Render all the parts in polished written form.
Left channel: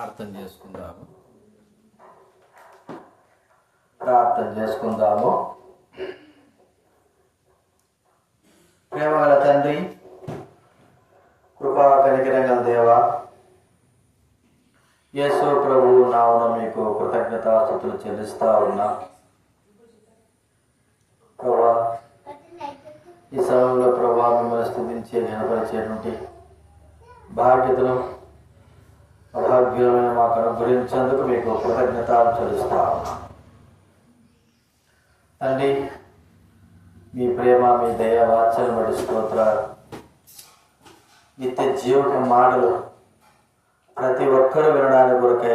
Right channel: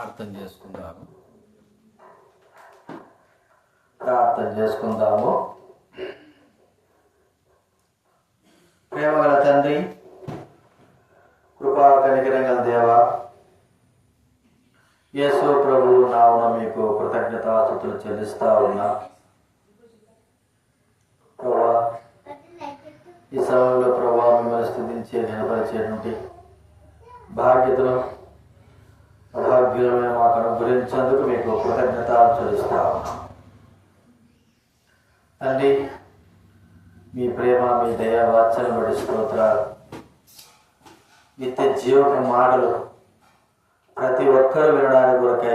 ప్రార్థన చేసుకుందాము. ప్రేమగల తండ్రి, కృపా కనికరం గల దేవా, యేసు ప్రభువు నామమున మీకు కృతజ్ఞతాస్తుతులు చెల్లిస్తా ఉన్నా. ప్రభా, ఈ సమయంలో ప్రభా మిమ్మల్ని స్తుతించే ఘనపరిచేటువంటి బాధ్యతను అభాగ్యులమైన మాకు అనుగ్రహించేందుకు మీకు కృతజ్ఞతలు చెల్లిస్తా ఉన్నా. తండ్రి, మీ ప్రేమ, మీ దయ, వాత్సల్యం బట్టి స్తోత్రాలు. నిత్య జీవక మాటలు ప్రతి ఒక్కరూ వినడానికి కొరకై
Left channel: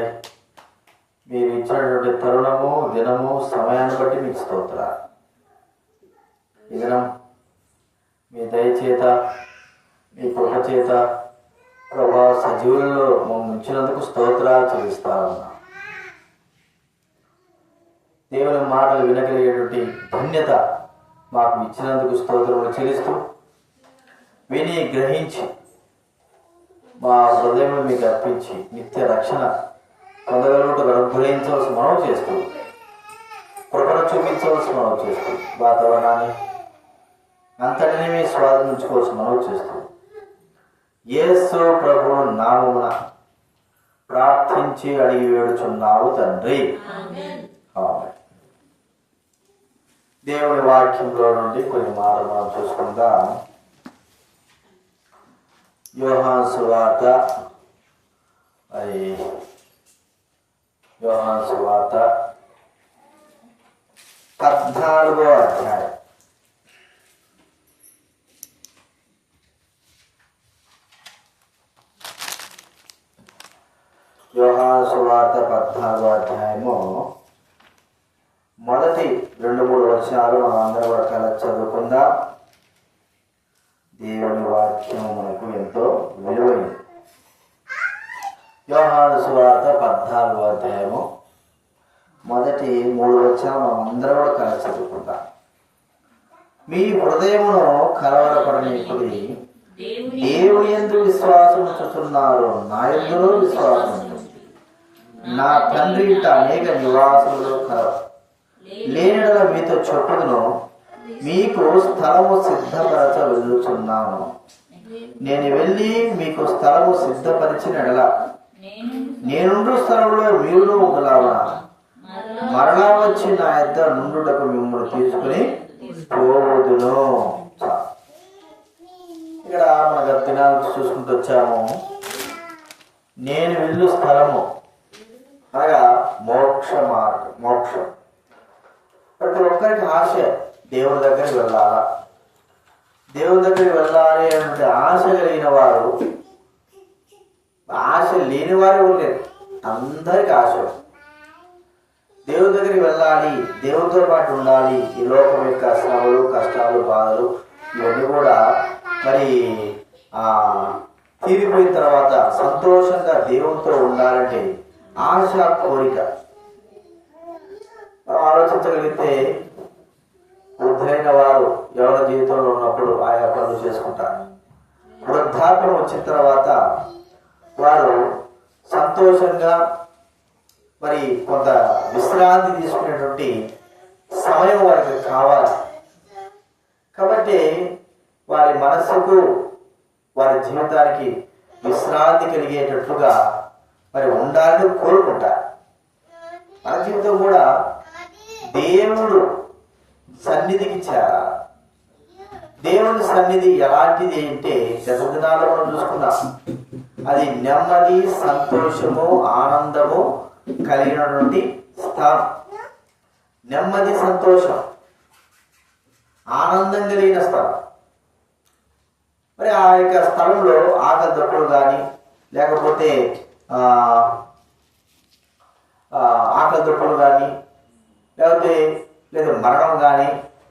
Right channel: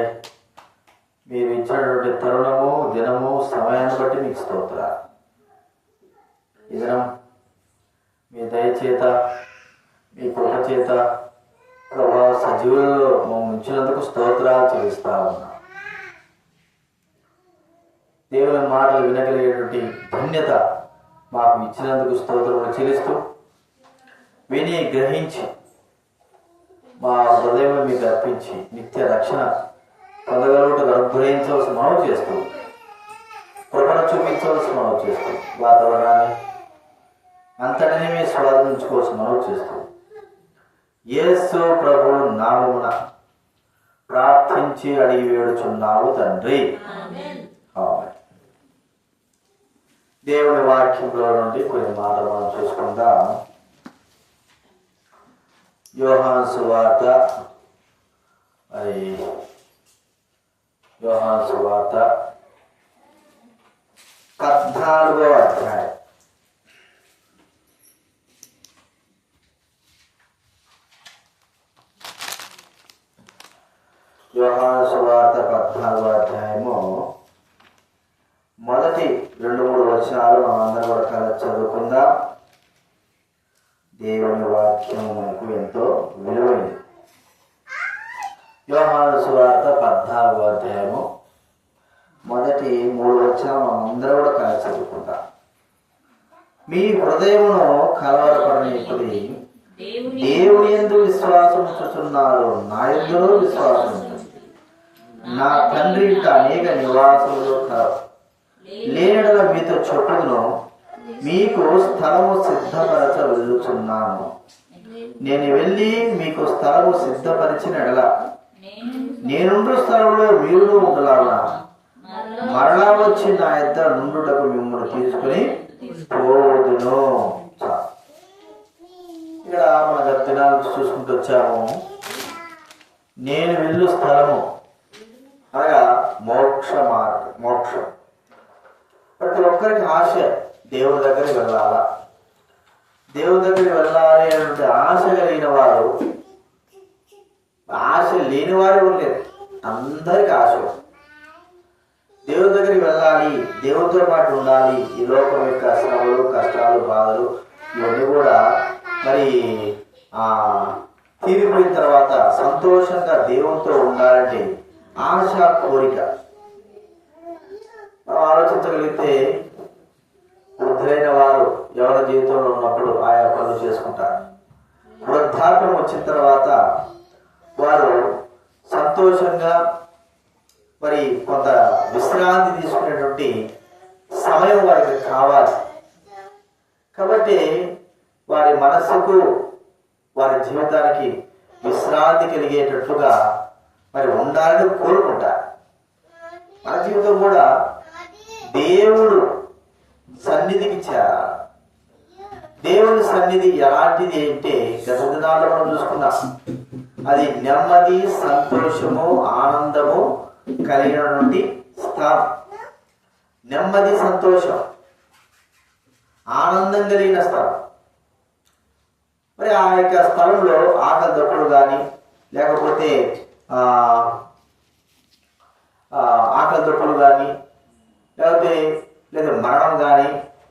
మీరు ఇచ్చినటువంటి తరుణము, దినము, సమయాన్ని బట్టి మీకు స్తోత్రాలు. ఈ దినం మీ దయచేత, మీ కృప చేత ప్రభా సజీవులలో మమ్మల్ని ఉంచినందుకు స్తోత్రాలు చెల్లిస్తా ఉన్నా. దేవుని మాటలు వినగలిగేటువంటి ధన్యత మాకు ఇచ్చినందుకు స్తోత్రములు చెల్లిస్తూ, విని గ్రహించి మా హృదయంలో మీకు అర్పించి నిత్య రక్షణ పొందగలుగుటకు అనుగ్రహించవలసి మనవి చేస్తూ, కృపను చూపించవలసి మనవి చేస్తూ, వాతావరణాన్ని అంతటినీ మీ స్వాధీనించుకోవాల్సి మనవి చేస్తూ, యేసు ప్రభు నామమున ప్రార్థించి అడిగి వేడుచున్నావు తండ్రి. దేవుని వాక్యంలో నుండి కొన్ని మాటలు మనం చూసుకుందాం. యోహాను సువార్త 14వ అధ్యాయం. యోహాను సువార్త 14వ అధ్యాయము మొదటి 2-3 వచనాలు మనం అందరం వరకాల చదువుకుందాం. దేవుని వాక్యము మనకు ఎంతో విలువైనది. యోహాను సువార్త 14వ అధ్యాయము మొదటి 3 వచనాలు మనం అందరం కూడా కలిసి చదువుకుందాం. మీ హృదయమును కలవరపడనీకుడి, దేవుని యందు విశ్వాసం ఉంచుచున్నారు, నా యందును విశ్వాసం ఉంచండి. నా తండ్రి ఇంట అనేక నివాసములు కలవు, లేనడల మీతో చెప్పుదును, మీకు స్థలము సిద్ధపరచ వెళ్ళుచున్నాను. నేను వెళ్ళి మీకు స్థలము సిద్ధపరిచినడల నేనుండు స్థలంలో మీరు ఉండలాగున మరలా వచ్చి నా యొద్ద నుండుటకు మిమ్మల్ని తీసుకుని పోవదును. ఇక్కడ మన గత దినాలు చూసుకుంటూ వచ్చాము. నేను వెళ్ళు స్థలము అనగా మోక్ష మార్గం, మోక్షం. ప్రతి ఒక్కరికి ఆశ దేవుని దగ్గరికి వెళ్ళాలా, దేవుని దగ్గరికి వెళ్ళాలి అనేటువంటి ఆశ కలిగిన వారు, ఆశ లేని వారు ఉండలేదు. అందరికి ఆశ దేవుని దగ్గరికి వెళ్ళాలి, దేవునితో పాటు ఉండాలి. ఈ లోకం యొక్క శ్రమలు, కష్టాలు, బాధలు ఇవన్నీ కూడా మరి తీరిపోయిన తర్వాత సంతోషంగా దేవునితో ఉండాలంటే ఆశ, కోరిక. ఆలోచించగలిగితే వృద్ధులైన వారు ఎవరి జీవితంలో ఉన్నప్పుడు ఆయా పనులు చేసుకుంటారు. వృద్ధాప్యం వచ్చిన తర్వాత వారు సంతోషంగా మరి కొంత విశ్రాంతి తీసుకునేటువంటి సమయం వారికి కావాలి. కాబట్టి వారి మనస్సుకు, వారి జీవితానికి విశ్రాంతి కలిగేటట్లుగా మరి ఉండాలని కోరుకుంటారు. మన జీవితం కూడా దేవుడు సన్నిధికి చేరాలి. దేవుని సన్నిధి ఎలాంటిది అంటే గత దినాల్లో మనం చూసుకున్నాం. అది నెమ్మది, సంతోషము, ఆనందము కలిగినటువంటి స్థలం. నెమ్మది, సంతోషం, ఆనందం కలిగిన స్థలం. మరి ఆ యొక్క స్థలంలో ఆకలి దొక్కలు కానీ, లేకపోతే ఆకలి దొక్కలు కానీ, లేదా మరణం కానీ,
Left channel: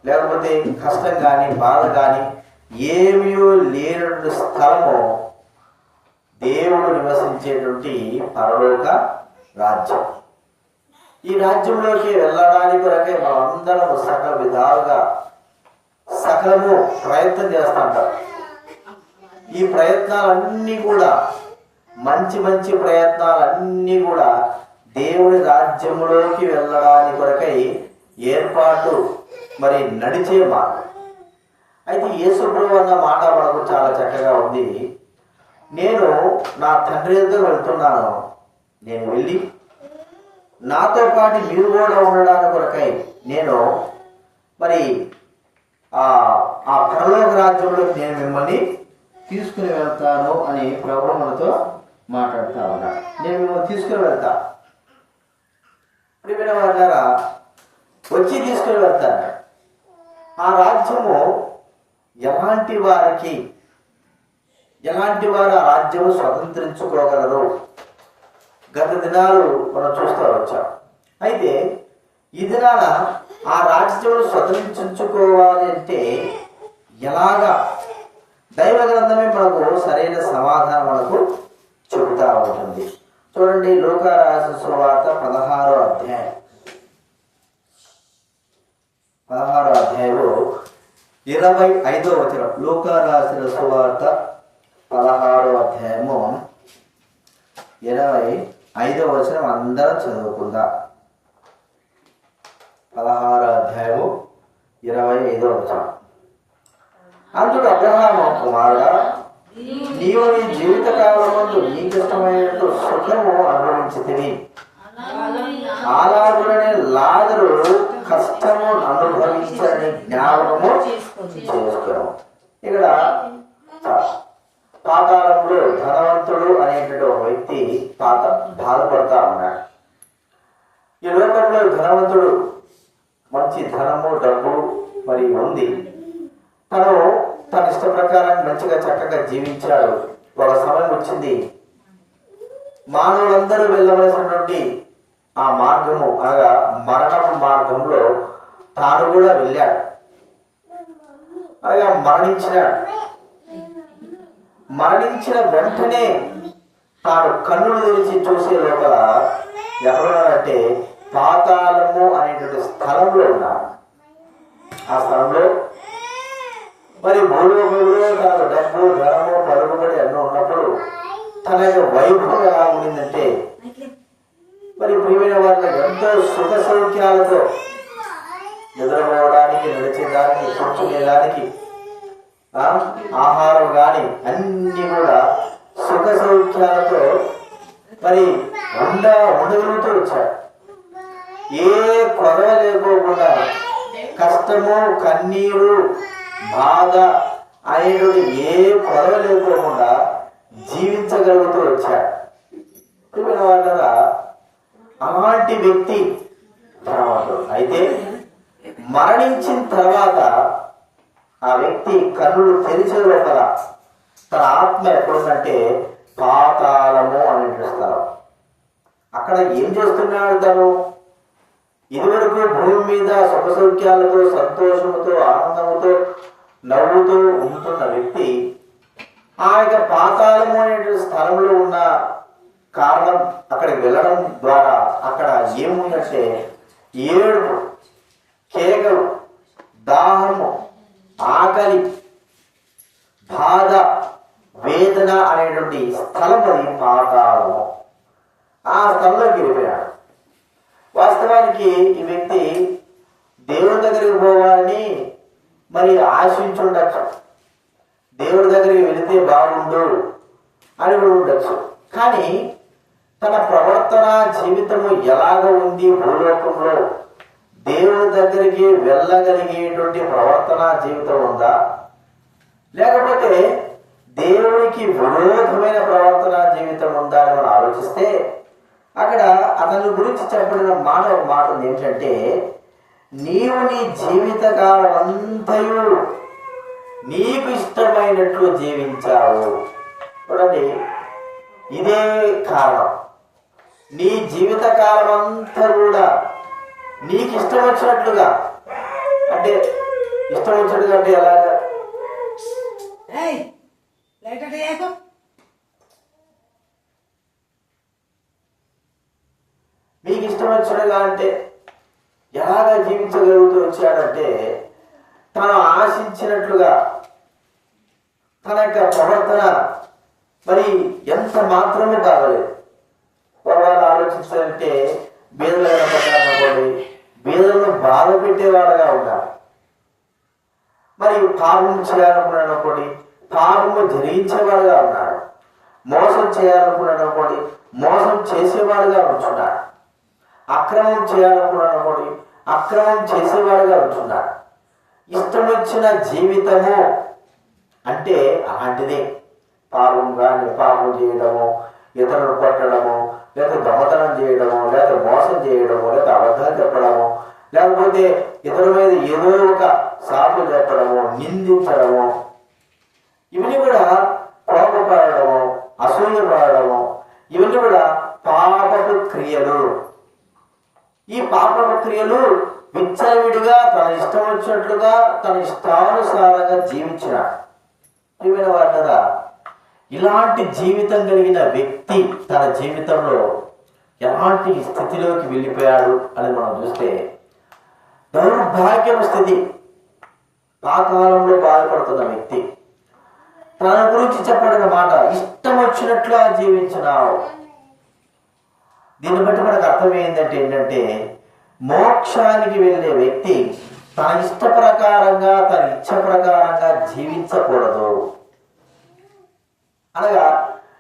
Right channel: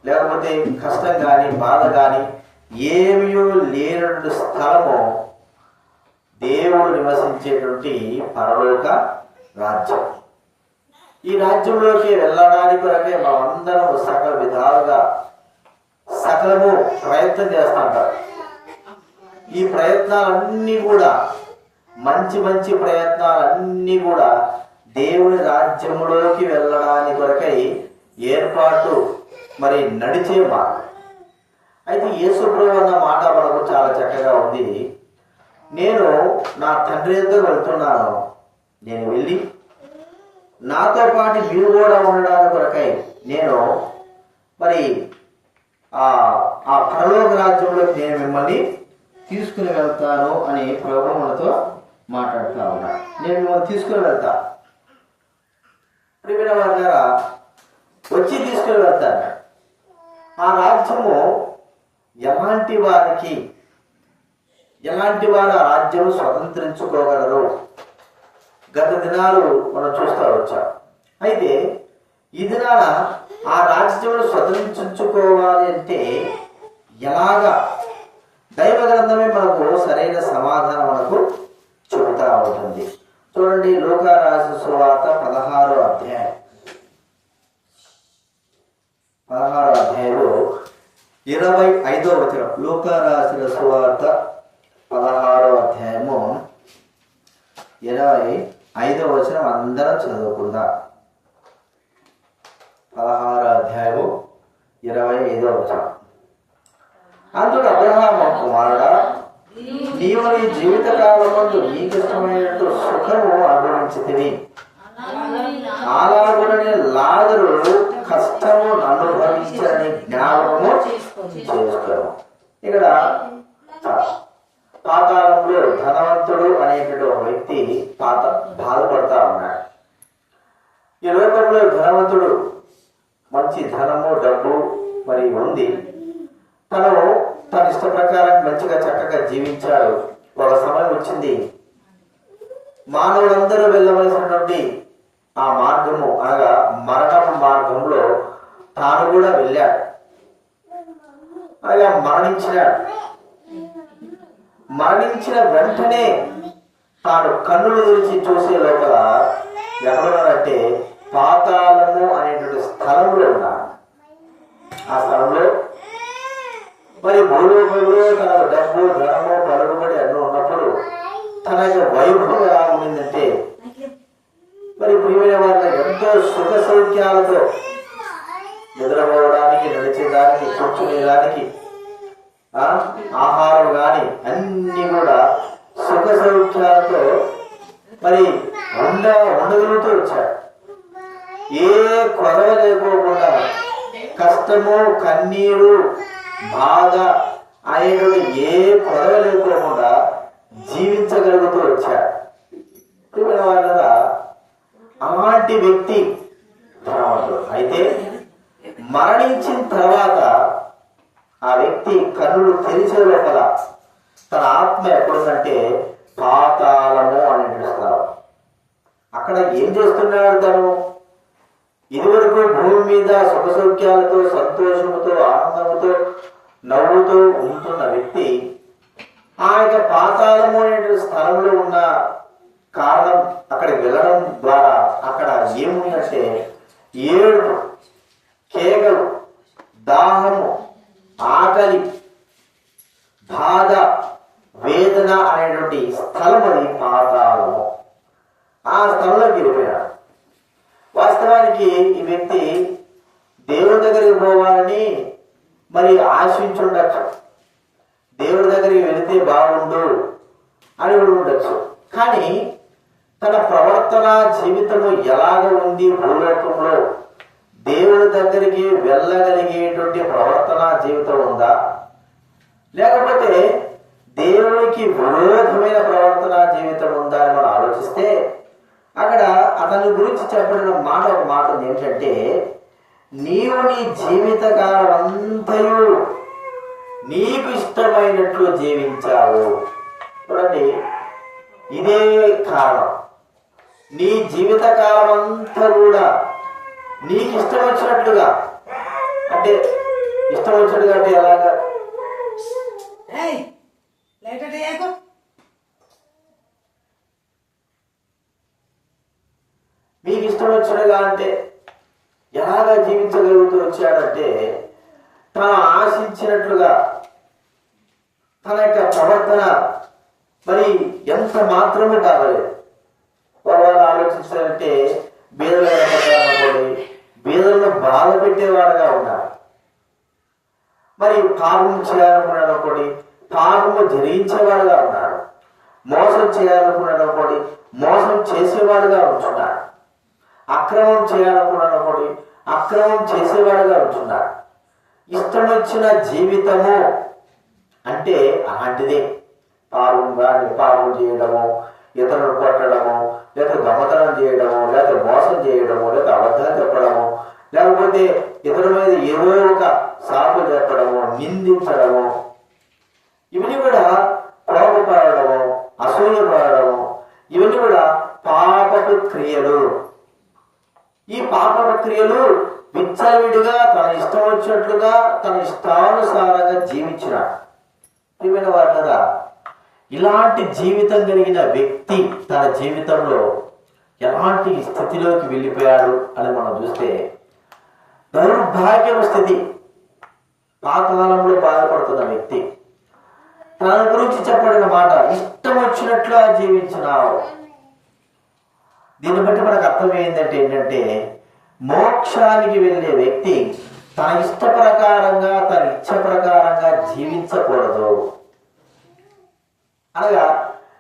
లేకపోతే కష్టం కానీ, బాధ కానీ ఏమీయో లేనటువంటి స్థలము దేవుడు నివసించేటువంటి పరలోక రాజ్యం. ఈ రాజ్యంలోకి వెళ్ళడానికి కొరకే మనమందరం సకల విధాలుగా సకలము ప్రయత్నం చేస్తుంటారు. ఈ ప్రయత్నాలన్నీ కూడా మంచి మంచి ప్రయత్నాలన్నీ కూడా దేవుని రాజ్యంలోకి వెళ్ళడానికి కొరకై ఏర్పాటు మరి నడిచే మార్గం. అయితే యేసుప్రభు అన్న మాట మనకు చాలా చక్కగా ఉంది. నేను నా తండ్రి దగ్గర వెళ్తున్నాను, నేను వెళ్ళి నాతో పాటు మీరు కూడా ఉండడానికి కొరకై నేను మరి ఆ పరలోక రాజ్యంలోకి నేను మిమ్మల్ని తీసుకుని వెళ్తాను అని ప్రభు మనతో మాట్లాడుతూ ఉన్నాడు. నేను మిమ్మల్ని తీసుకుని వెళ్తా, ప్రియమైన వాళ్ళారా, వచ్చి తీసుకుని వెళ్తాను. ఆ రాజ్యము ఎలాంటి వారు ఆ రాజ్యం స్వతంత్రించుకోగలరు? గత దినాలు మనం చూస్తూ వచ్చాం. అయితే ఈ దినాన ఆ రాజ్యం స్వతంత్రించుకోవాలి అంటే ఎలాగా? దైవ గ్రంథమే మనకు సరైన సమాధానం మనకు చెబుతా ఉంటుంది. చూడండి, లూకా రాసిన సువార్త 16వ అధ్యాయం 25వ వచనం. లూకా రాసిన సువార్త 16వ అధ్యాయము 25వ వచనం అందరం చదువుకుందాం. 16వ అధ్యాయము 25వ వచనం. అందుకు అబ్రహాము, కుమారుడా, నీవు నీ జీవిత కాలమందు నీకిష్టమైనట్టు సుఖము అనుభవించితివి, అలాగునని లాజరు కష్టము అనుభవించని జ్ఞాపకము చేసుకోము. ఇక్కడ పాతాళంలో ధనవంతుడు అనేటువంటి ఒక వ్యక్తి బాధపడతా ఉన్నాడు. ఈ లోకంలో ధనవంతుడు మంచి ధనము డబ్బు మరి ఉంది, తన ఇష్ట ప్రకారం మంచిగా చక్కగా జీవించాడు. ఒక సమయం వచ్చింది, మానవులందరూ వెళ్ళవలసినటువంటి ఆ మార్గము అనగా మరణం మార్గంలో తాను కూడా వెళ్ళాడు. అనగా మరణించిన వెంటనే తాను కన్నులు తెరిచి చూసే లోపల ఎక్కడున్నాడంటే పాతాళము అనేటువంటి స్థలంలో ఉన్నాడు. ఆ స్థలంలో మరి భూలోకంలో తనకు డబ్బు ధనము పలుకుబడి అన్నీ ఉన్నప్పుడు తన యొక్క వైభవం ఎలా ఉండిందంటే, మరి ప్రియమైన వారిని ఎంతో సుఖ సౌఖ్యాలతో నిద్రపోవడానికి, నడిచేదానికి, కూర్చునేదానికి, ఆహారం కానీ అన్ని కూడా సుఖ సౌఖ్యాలతో మరి ఉండగలుగుతూ వచ్చాడు. ఏ కొదవ లేకోకుండా కష్టము, కన్నీరు, బాధ అనేటువంటి ఏ కొదవ లేకోకుండా జీవించగలుగుతూ వచ్చాడు. ప్రియమైన వాళ్ళ అలాంటి వ్యక్తి ధనవంతుడు. అయితే మరణించిన తర్వాత ఆ వ్యక్తి కన్నులు తెరిచే లోపల తన ఆత్మ ఎక్కడుందంటే పాతాళము అనేటువంటి స్థలం. అక్కడ ఏం చేస్తున్నాడు తను? ఇదివరకు భూమి మీద సుఖ సౌఖ్యాలతో, సంతోషముతో, ఆనందంతో, నవ్వుతూ ఉంటున్న వ్యక్తి ఆ యొక్క పాతాళము అనేటువంటి స్థలంలో ఉన్న కారణం అక్కడికి వెళ్ళడం ద్వారా అక్కడ ఏముందంటే ఏడుపు, కేకలు, దాహము, ఆకలి, బాధ, వేదన అనేటువంటి స్థలం అది పాతాళము. ఆ స్థలంలోకి వెళ్ళిపోయాడు. వాస్తవానికి ఈ వ్యక్తి దేవుడి దగ్గరికి పోవాలని మరి ఆశించుండొచ్చు, దేవుడి దగ్గరికి వెళితే బాగుండు అని ఉండొచ్చు. కానీ తన ప్రవర్తన జీవితము ఎలాగ ఉంది? భూలోకంలో దేవుడి దగ్గరికి వెళ్ళగలిగేటువంటి ప్రవర్తన జీవితం ఉందా? లేకపోతే దేవునికి విరోధమైన ప్రవర్తన జీవితం ఉందా అని మనం ఆలోచిస్తే అక్కడ అతని గురించి చెప్పబడిన ఒక మాట ఏమిటంటే, నీవు నీ జీవిత కాలం అంతయు నీకు ఇష్టమైనట్లు జీవించావు. చూడండి, ఇదే కారణం. నీ జీవిత కాలం అంతా కూడా నీకు ఇష్టం వచ్చినట్లుగా, అంటే ఇష్టం వచ్చినట్టుగా అంటే ఎలాగా? మీకు ఇష్టం వచ్చినట్టుగా అంటే ఎలాగా జీవించగలుగుతూ వచ్చాడంటే, తను ఆశించినట్లుగా తన యొక్క ప్రవర్తన మరి ఎంత మాత్రమే బాగలేదు. వాళ్ళు ఆలోచించాలంటే బీదలైన ప్రకారం బీదలను బాధ పెట్టేవాడుగా ఉన్నారు. మరి పాపం చేయాలనుకున్నాడు పాపము జరిగించేవాడుగా ఉన్నాడు. మోసం చేయాలనుకున్నాడు మోసం చేసేవాడుగా ఉంటున్నాడు. అక్రమం చేయాలనుకున్నాడు అక్రమం చేసేవాడుగా ఉంటున్నాడు. ఇష్టం వచ్చిన జీవితము అంటే అలాంటిదే. పాపం చేయడము, ఇతరులు కొట్టడము, లేదా దొంగతనం చేయడము, లేదా మోసం చేయడము, లేదా అబద్ధాలు చెప్పడము, లేకపోతే ఇతరుల మీద ఏదో ఒక సాకు చెప్పడము, నిందించడము, ఇవన్నీ కూడా కోపపడము, అసూయపడము, ఇవన్నీ కూడా పాపపు క్రియలు. ఈ పాపపు క్రియలు విచ్చలవిడిగా తన ఇష్టం వచ్చినట్లుగా తన ఇష్టానుసారంగా జీవించినాడు. ప్రియమైన వారులారా, ఇలాంటి జీవితం కలిగిన వ్యక్తి తన జీవితంలో ఎలాంటి స్థితిలోకి వెళ్ళిపోయాడు అని మనం చూస్తే దౌర్భాగ్యం స్థితి. పాతాళంలో బాధపడుతున్న వ్యక్తి తన గురించి చెప్పబడిన మాట, ఇష్టం వచ్చినట్లుగా జీవించినావు. దీన్ని బట్టి మనకు అర్థం ఏంటంటే మోక్షానికి వెళ్ళే వ్యక్తి తన ఇష్ట ప్రకారంగా తన ఇచ్చ ప్రకారంగా జీవించకూడదు. అనగా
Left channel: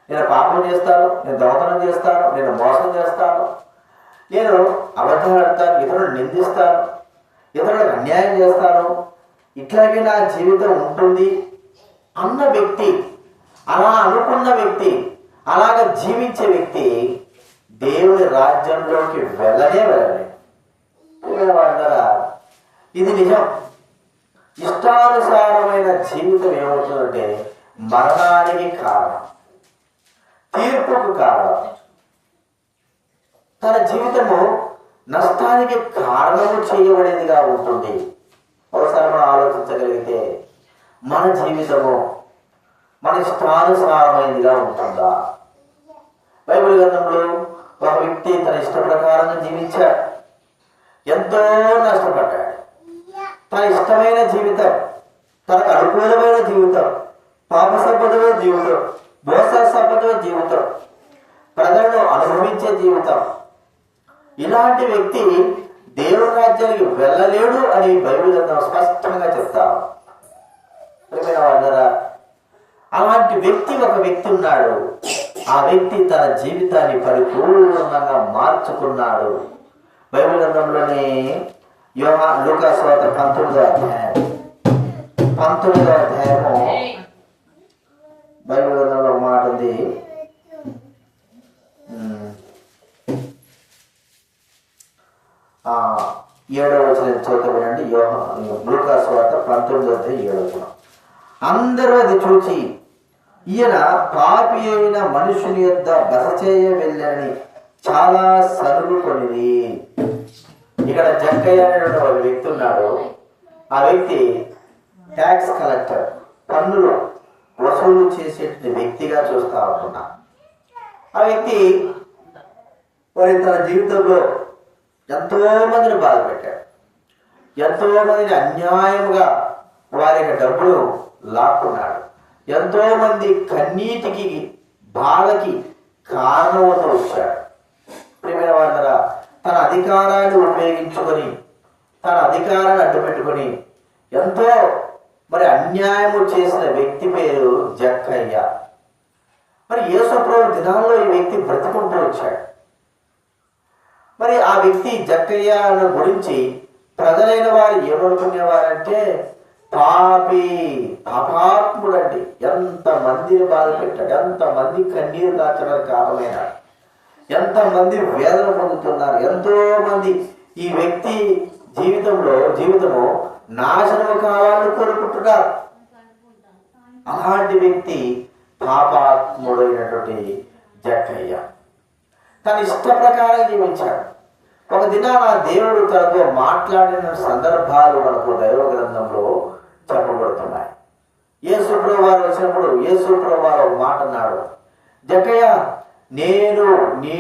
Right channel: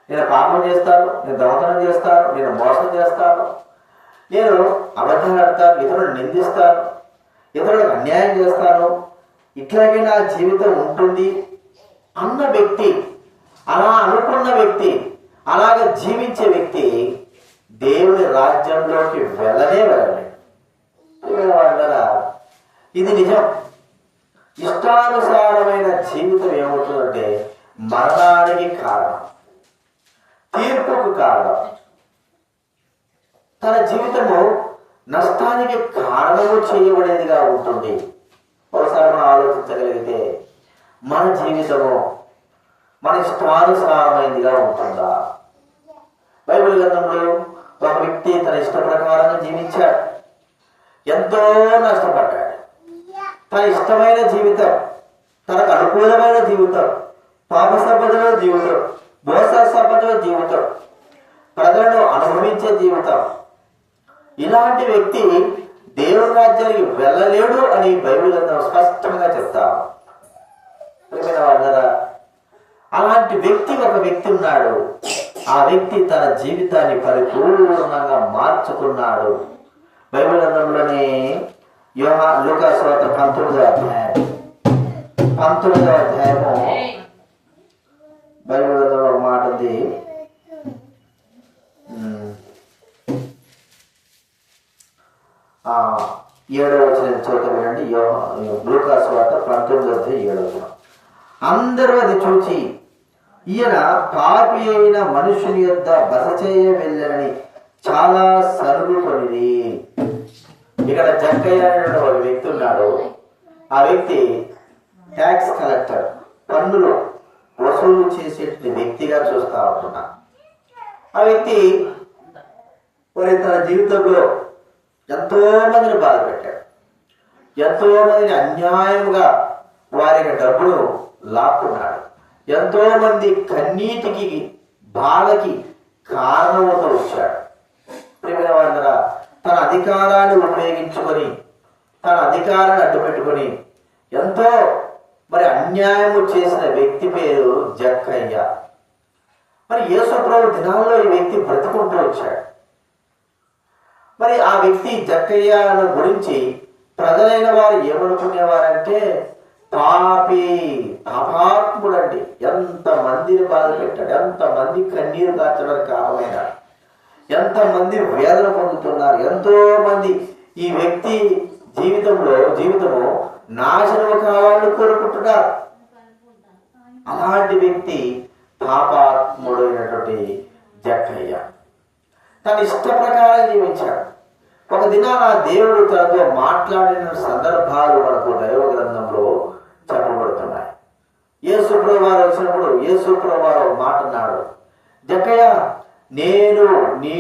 నేను పాపం చేస్తాను, నేను దొంగతనం చేస్తాను, నేను మోసం చేస్తాను, నేను అబద్ధాలు ఆడతాను, ఇతరులను నిందిస్తాను, ఇతరులకు అన్యాయం చేస్తాను, ఇట్లాగే నా జీవితం ఉంటుంది అన్న వ్యక్తి, అలా అనుకున్న వ్యక్తి, అలాగ జీవించే వ్యక్తి దేవుని రాజ్యంలోకి వెళ్ళలేదు. ఇది నిజం. ఇష్టానుసారమైన జీవితం ఏమవుతుందంటే మరణానికి కారణం, తీర్పుకు కారణం, తన జీవితము నష్టానికి కారణము చేయబడేదిగా ఉంటుంది. ఒకసారి మనం ఆలోచించగలిగితే మన జీవితము మన ఇష్టానుసారమైనదిగా ఉంటుందా? బైబిల్ గ్రంథంలో ఒక వ్యక్తి తన ఇష్ట ప్రకారంగా జీవించాడు, ఎంతో నష్టపడ్డాడు. తన ఇష్టమైన జీవితం, తనకు అనుకూలమైన జీవితం, పాప సంబంధమైన జీవితం, మోస సంబంధమైన జీవితం, ప్రజలను అనుభవించే జీవితం, ఇలాంటి వ్యక్తి దేవుని రాజ్యానికి వెళ్ళలేడు అని బైబిల్ గ్రంథం స్పష్టంగా చెప్తారు. అలాంటి వ్యక్తి ఒక వ్యక్తి ఉన్నాడు. ఆ వ్యక్తి తన జీవితాన్ని పరిపూర్ణంగా మార్చుకున్నాడు. బైబిల్ గ్రంథంలోని లూకా సువార్త 19వ అధ్యాయము బైబిల్ గ్రంథంలో ఒక మాట ఉంది. 7వ వచనం చదువుతానండి. లూకా సువార్త 19వ అధ్యాయం 7వ వచనం. అందరూ అది చూచి ఈయన పాపి అయిన మనుషుని యొద్ద బస చేయ వెళ్ళని చాలా సనుగుకొనిది. ఇక్కడ జక్కయ్య అనేటువంటి ఒక వ్యక్తి ఉన్నాడు. ఆ వ్యక్తి ట్యాక్స్ కలెక్టర్, పన్నులు వసూలు చేసేటువంటి వ్యక్తిగా చూస్తా ఉంటున్నా. ఆ వ్యక్తి మరి తన జీవితంలో ఎంతో మందిని బాధ పెట్టాడు, ఎంతో మందిని అన్యాయంగా వారి డబ్బులు లాక్కున్నాడు, ఎంతో మంది కన్నీటికి బాధకి కారణమవుతూ వచ్చాడు. ప్రియమైన వారందరా, తన అధికారాన్ని ఉపయోగించుకొని తన అధికారాన్ని అడ్డుపెట్టుకొని ఎంతో మరి అన్యాయము చేసిన వ్యక్తి పేరు జక్కయ్య. మరి యేసు ప్రభు దినాల్లో ఈ వ్యక్తి బ్రతుకుంటూ వచ్చాడు. మరి ఆ వ్యక్తి జక్కయ్య గురించి ప్రజలైన వారు ఏమనుకునేవారంటే పాపాత్ముడండి, ఎంత మందిని బాధ పెట్టాడు, ఎంత మంది కన్నీరు దాచడానికి కారణమైనాడు, ఎంత మంది వేదన పొందుతున్నారు, ఎంతో మంది ఈ వ్యక్తి జీవితము నాశనము కావాలని కోరుకుంటున్నారు. అలాంటి వ్యక్తి పాపాత్ముడైనటువంటి జక్కయ్య తన ఇష్ట ప్రకారం జీవించాడు. ఒక దినాన దేవుడు తనతో మాట్లాడిన సందర్భాలు మనకు దైవ గ్రంథంలో చెప్పబడుతున్నాయి. యేసు ప్రభువు వారు వచ్చినప్పుడు యేసు ప్రభువు వారు ఒక మాట అన్నాడు, జక్కయ్య నేడు నీ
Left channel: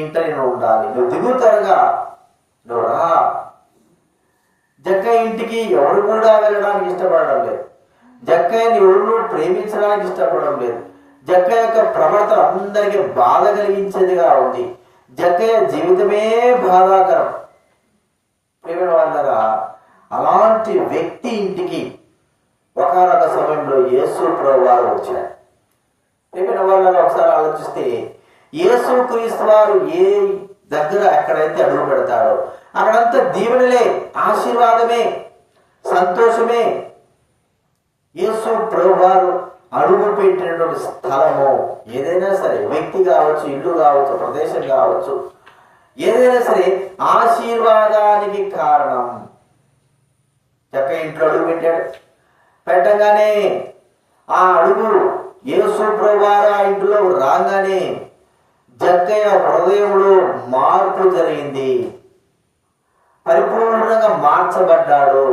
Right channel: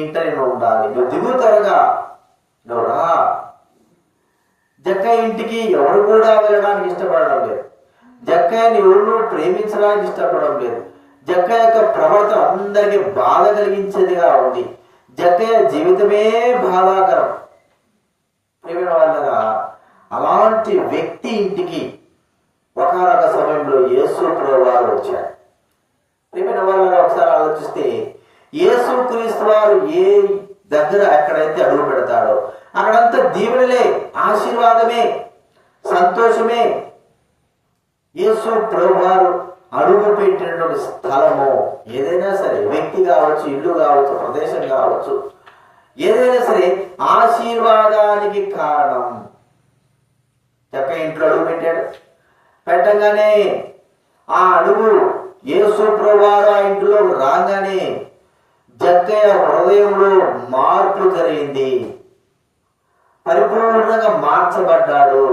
ఇంట నేను ఉండాలి, నువ్వు దిగు త్వరగా, నువ్వు రా. జక్కయ్య ఇంటికి ఎవరు కూడా వెళ్ళడానికి ఇష్టపడడం లేదు. జక్కయ్యని ఎవరు ప్రేమించడానికి ఇష్టపడడం లేదు. జక్కయ్య యొక్క ప్రవర్తన అందరికీ బాధ కలిగించేదిగా ఉంది. జక్కయ్య జీవితమే బాధాకరం. ప్రియమైన వాళ్ళగా, అలాంటి వ్యక్తి ఇంటికి ఒకనొక సమయంలో యేసు ప్రభువారు వచ్చారు. ప్రియమైన వాళ్ళగా ఒకసారి ఆలోచిస్తే, యేసు క్రీస్తు వారు ఏ దగ్గర ఎక్కడైతే అడుగు పెడతాడో అక్కడంతా దీవెనలే, ఆశీర్వాదమే, సంతోషమే. యేసు ప్రభువారు అడుగు పెట్టినటువంటి స్థలము ఏదైనా సరే, వ్యక్తి కావచ్చు, ఇల్లు కావచ్చు, ప్రదేశం కావచ్చు, ఏదైనా సరే ఆశీర్వాదానికి కారణం. జక్కయ్య ఇంట్లో అడుగు పెట్టాడు. పెట్టగానే ఆ అడుగు యేసు ప్రభువారు ఆ ఇంట్లో రాగానే జక్కయ్య హృదయంలో మార్పు జరిగింది. పరిపూర్ణంగా మార్చబడ్డాడు.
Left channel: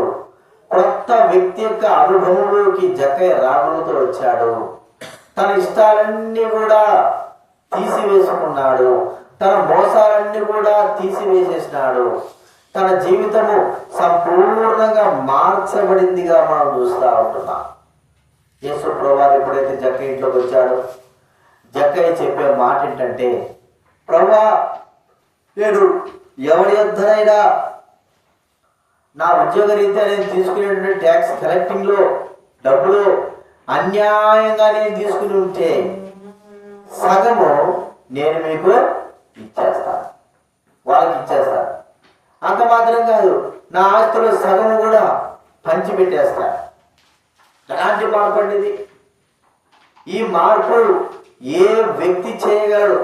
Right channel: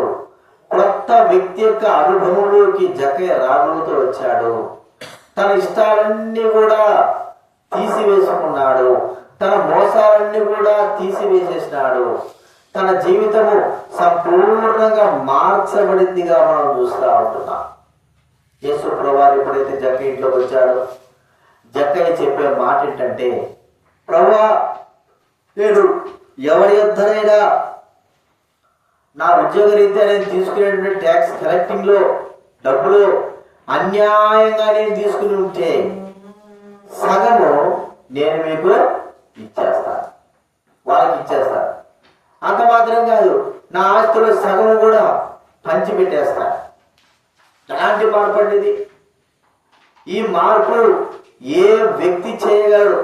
కొత్త వ్యక్తి యొక్క అనుభవంలోకి జక్కయ్య రాగలుగుతూ వచ్చాడు. తన ఇష్టాలన్నీ కూడా తీసివేసుకున్నాడు. తన మోసాలన్నీ కూడా తీసివేసేసినాడు. తన జీవితము సంపూర్ణంగా మార్చబడిందిగా మనం చూస్తూ ఉంటున్నాం. యేసు ప్రభువారు ఎప్పుడైతే జక్కయ్య ఇంట్లోకి వచ్చాడో, జక్కయ్య చెప్పే మాట ఏంటంటే, ప్రభువా, నేను ఎవరి యొద్దనైనా నా ఉద్యోగ రీత్యా నేను తీసుకునేటువంటి ట్యాక్స్ కలెక్టింగ్ లో డబ్బులు అన్యాయంగా నేను తీసుకుని ఉంటే సగము నేను మీకు ఇచ్చేస్తాను, వాళ్ళకి ఇచ్చేస్తాను. అంత మాత్రం కాదు, నా ఆస్తులు సగము కూడా పంచిపెట్టేస్తాను. ఎలాంటి మార్పు అండి ఇది? ఈ మార్పు ఏ వ్యక్తి చేయగలడు?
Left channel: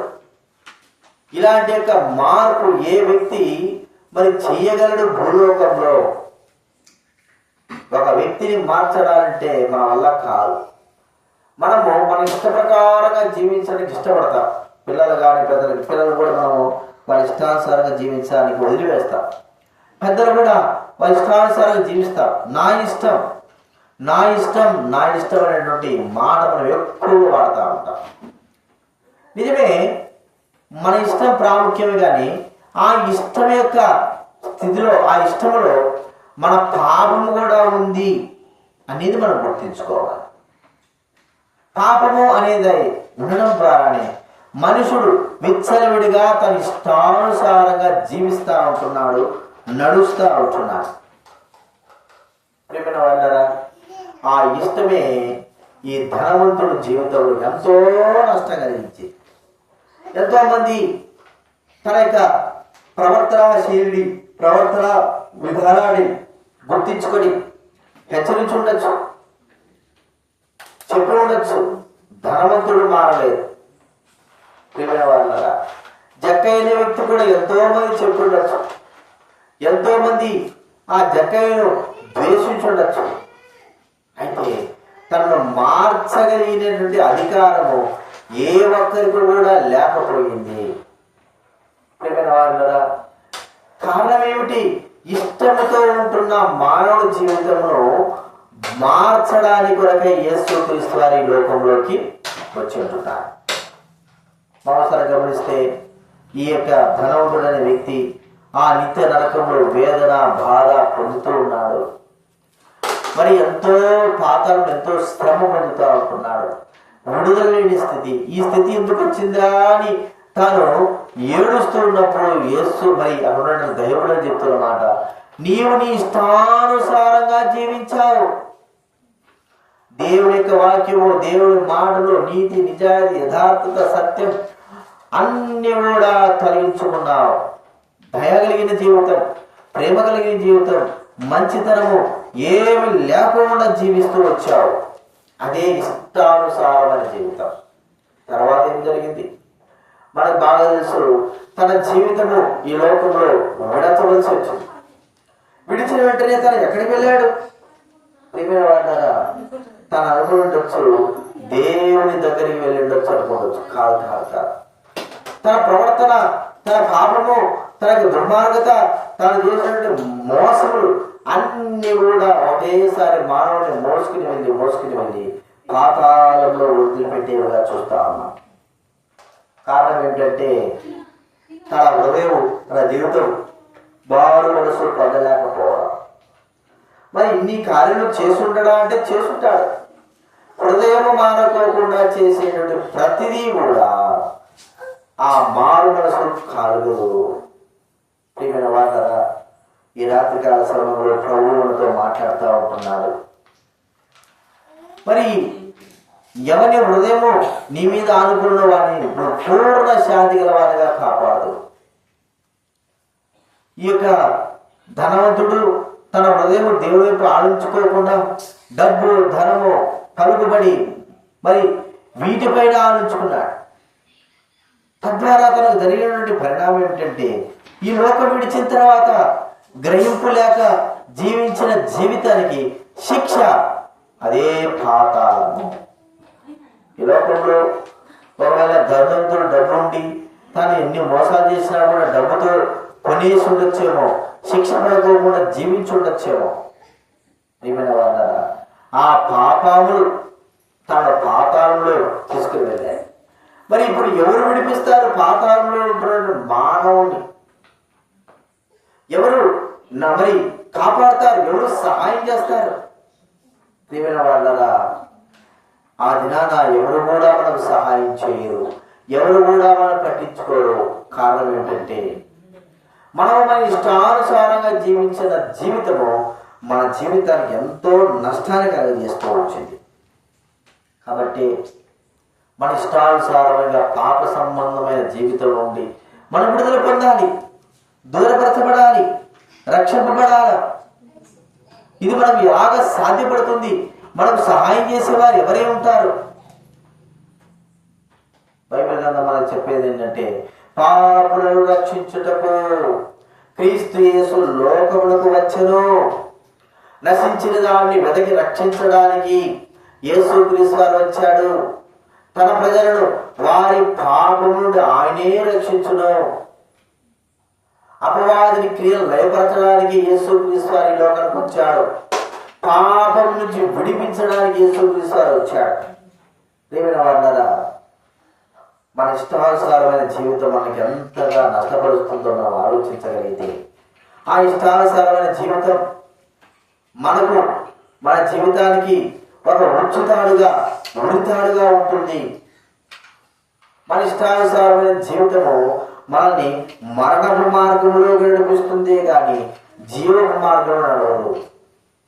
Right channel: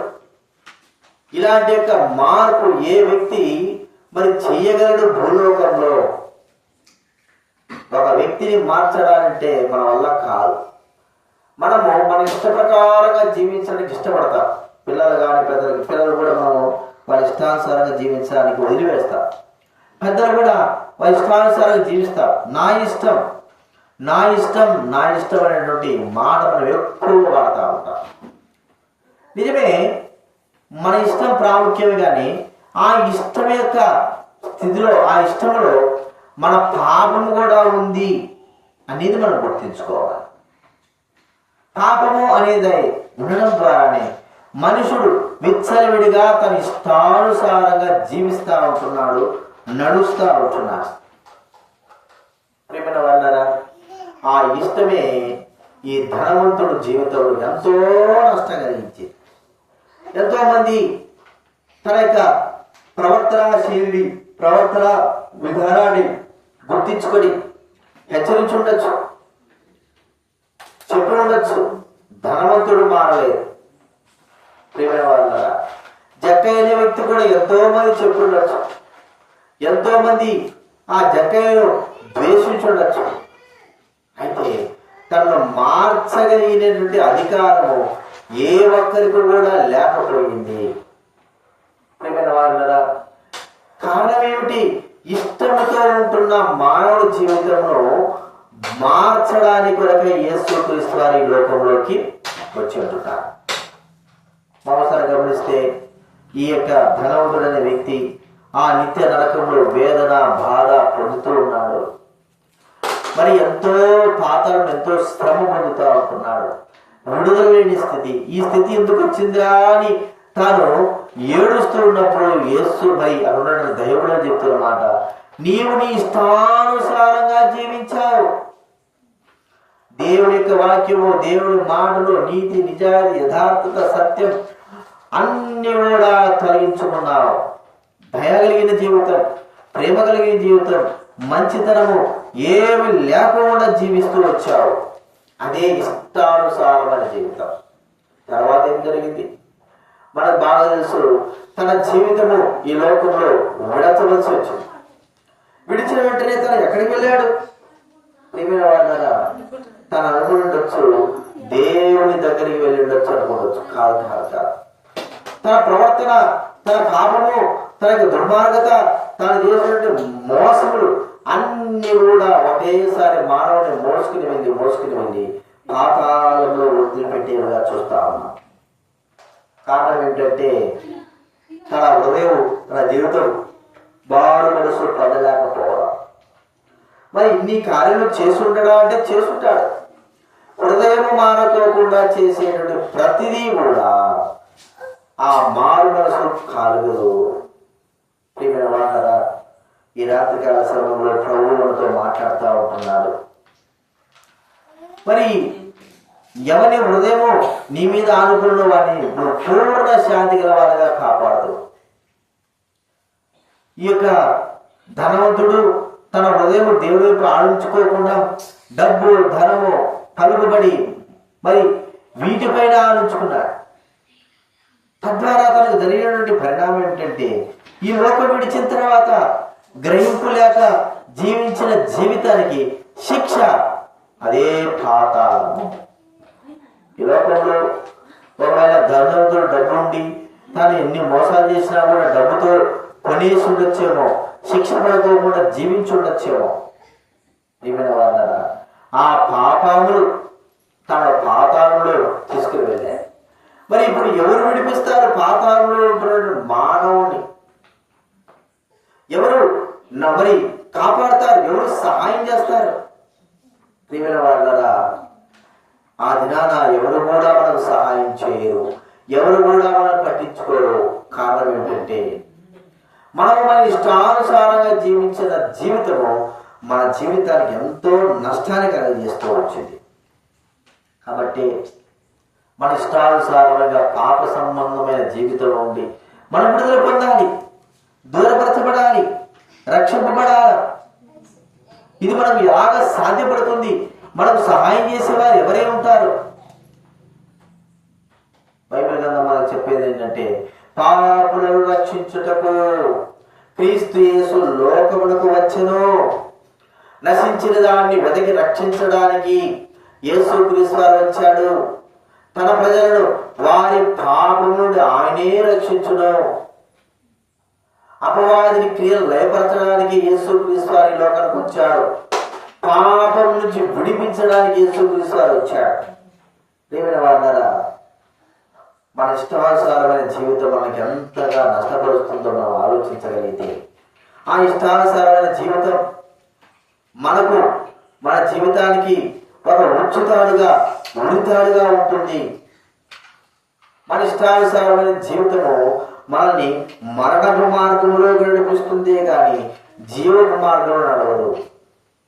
ఇలాంటి యొక్క మార్పు ఏ వ్యక్తి మరి చేయగలడు? భూలోకంలో ఒక వ్యక్తిని మార్చడాలంటే మన వల్ల కాదు. మనము మన ఇష్ట ప్రకారంగా జీవించడానికి ఇష్టపడతాం. పిల్లలు కానీ పిల్లలు కూడా మనము వాళ్ళ ఇష్టానుసారంగా జీవించడానికి వదిలివేస్తాం. పెద్దలు కూడా వాళ్ళ ఇష్టానుసారంగా జీవిస్తాం. నా ఇష్టం నా ఇష్టం నా ఇష్టం అనేటువంటి మాట మనం ఎక్కువ వాడుతూ ఉంటాం. నిజమే, మన ఇష్టం ప్రాముఖ్యమే, కానీ ఆ ఇష్టం యొక్క స్థితిలో, ఆ ఇష్టంలో మన పాపము కూడా ఉంది అనేది మనం గుర్తించుకోవాలి. పాపము అనేది ఉండడం ద్వారానే మనుషుడు విచ్చలవిడిగా తన ఇష్టానుసారంగా జీవిస్తూ ఉంటున్నాడు, నడుస్తూ ఉంటున్నాడు. ప్రియమైన వాళ్ళారా, ఆ ఇష్టమే ఈ ధనవంతుడు జీవితంలో ఎంతో నష్టం కలిగించింది. ఎంతో మంది తన యొక్క ప్రవర్తన శైలి, ప్రవర్తన విధానాన్ని గుర్తించుకొని హెచ్చరించి ఉండొచ్చు, చెప్పి ఉండొచ్చు. ధనవంతుడు మారలేదు. ప్రియమైన వాళ్ళ, జక్కయ్య అనే వ్యక్తి కూడా ఎంతో మంది చెప్పి ఉండొచ్చు. ఎంతో మంది ఆ జక్కయ్యను ద్వేషించి ఉండొచ్చు. అయితే తనను మార్చగలిగినటువంటి అధికారము ఏ ఒక్కరికి కూడా లేకపోయింది. ప్రియమైన వాళ్ళ, కారణం ఏమిటి? ఇష్టంతో ఉంటున్న మానవుడి జీవితంలో మార్చడానికి కొరకై యేసు క్రీస్తు వారి లోకంలోకి వచ్చి ఉంటున్నారు. మరోసారి గమనిస్తే, ఈ యొక్క ధనవంతుడనే వ్యక్తి ఆ నిత్య నరకంలో వేదన, బాధ పొందుతూ ఉన్నాడు. మరి ఎంతో పాతలను, ఎంతో శ్రమ పొందుతూ ఉంటున్నాడు. విడుదల లేని స్థితి. ఈ స్థితి ఎందుకు వచ్చిందా అని తాను ఏడుస్తూ ఉన్నప్పుడు యేసు మరి అక్కడ దైవుడు చెప్తున్నమాట, నీవు నీ ఇష్టానుసారంగా జీవించావు. దేవుని యొక్క వాక్యము, దేవుని మాటలు, నీతి, నిజాయితీ, యథార్థత, సత్యం అన్ని కూడా తొలగించుకున్నావు. దయ కలిగిన జీవితం, ప్రేమ కలిగిన జీవితం, మంచితనము ఏమి లేకుండా జీవిస్తూ వచ్చావు. అదే ఇష్టానుసారమైన జీవితం. తర్వాత ఏం జరిగింది మనకు బాగా తెలుసు. తన జీవితము ఈ లోకంలో విడచవలసి వచ్చింది. విడిచిన వెంటనే తను ఎక్కడికి వెళ్ళాడు? తను అనుకుండొచ్చు దేవుని దగ్గరికి వెళ్ళి ఉండొచ్చు అనుకోవచ్చు. కాదు కాదు కాదు. తన ప్రవర్తన, తన పాపము, తన దుర్మార్గత, తను చేసినటువంటి మోసములు అన్ని కూడా ఒకేసారి మానవుని మోసుకుని వెళ్ళి పాతాళంలో వదిలిపెట్టేవిగా చూస్తా ఉన్నాం. కారణం ఏంటంటే తన హృదయం, తన జీవితం బారు మనసు పొందలేకపోవడం. మరి ఇన్ని కార్యాలు చేసుంటాడా అంటే చేసుంటాడు. హృదయం మానుకోకుండా చేసేటువంటి ప్రతిదీ కూడా ఆ మారు మనసు కలుగదు. ప్రియమైన వారలారా, ఈ రాత్రికాల సమయంలో ప్రభువు మనతో మాట్లాడుతూ ఉంటున్నాడు. మరి ఎవరి హృదయము నీ మీద ఆనుకున్న వాడిని పూర్ణ శాంతి గల వారిగా కాపాడదు. ఈ యొక్క ధనవంతుడు తన హృదయం దేవుడి వైపు ఆలోచించుకోకుండా డబ్బు, ధనము, పలుకుబడి మరి వీటిపైన ఆలోచించుకున్నాడు. తద్వారా తనకు జరిగినటువంటి పరిణామం ఏంటంటే, ఈ లోకం విడిచిన తర్వాత గ్రహింపు లేక జీవించిన జీవితానికి శిక్ష అదే పాతాళము. ఈ లోకంలో ఒకవేళ ధనవంతుడు డబ్బు ఉండి తాను ఎన్ని మోసాలు చేసినా కూడా డబ్బుతో కొనేసి ఉండొచ్చేమో, శిక్ష పడుకోకుండా జీవించి ఉండొచ్చేమో. ఏమైనా వాళ్ళ ఆ పాపములు తన పాతాళంలో తీసుకుని వెళ్ళాయి. మరి ఇప్పుడు ఎవరు విడిపిస్తారు పాతాళంలో ఉంటున్న మానవుని? ఎవరు మరి కాపాడతారు? ఎవరు సహాయం చేస్తారు? ప్రియమైన వాళ్ళరా, ఆ దినాన ఎవరు కూడా మనకు సహాయం చేయరు, ఎవరు కూడా మనం పట్టించుకోరు. కారణం ఏంటంటే, మనం మన ఇష్టానుసారంగా జీవించిన జీవితము మన జీవితానికి ఎంతో నష్టాన్ని కలుగజేస్తూ వచ్చింది. కాబట్టి మన ఇష్టానుసారమైన పాప సంబంధమైన జీవితంలో ఉండి మనం విడుదల పొందాలి, దూరపరచబడాలి, రక్షింపబడాలి. ఇది మనం ఎలాగ సాధ్యపడుతుంది? మనకు సహాయం చేసేవారు ఎవరే ఉంటారు? బైబిల్ గ్రంథం మనకు చెప్పేది ఏంటంటే, పాపులను రక్షించుటకు క్రీస్తు యేసు లోకమునకు వచ్చెను. నశించిన దాన్ని వెతికి రక్షించడానికి యేసు క్రీస్తు వారు వచ్చాడు. తన ప్రజలను వారి పాపము నుండి ఆయనే రక్షించును. అపవాదిని క్రియలు లయపరచడానికి యేసు క్రీస్తు వారి లోకానికి వచ్చాడు. పాపం నుంచి విడిపించడానికి యేసు క్రీస్తు వారు వచ్చాడు. ప్రియమైన వారలారా, మన ఇష్టానుసారమైన జీవితం మనకి ఎంతగా నష్టపరుస్తుందో మనం ఆలోచించగలిగితే, ఆ ఇష్టానుసారమైన జీవితం మనకు మన జీవితానికి ఒక ఉరితాడుగా ఉంటుంది. మన ఇష్టానుసారమైన జీవితము మనల్ని మరణపు మార్గంలో నడిపిస్తుంది కానీ జీవపు మార్గంలో నడవదు.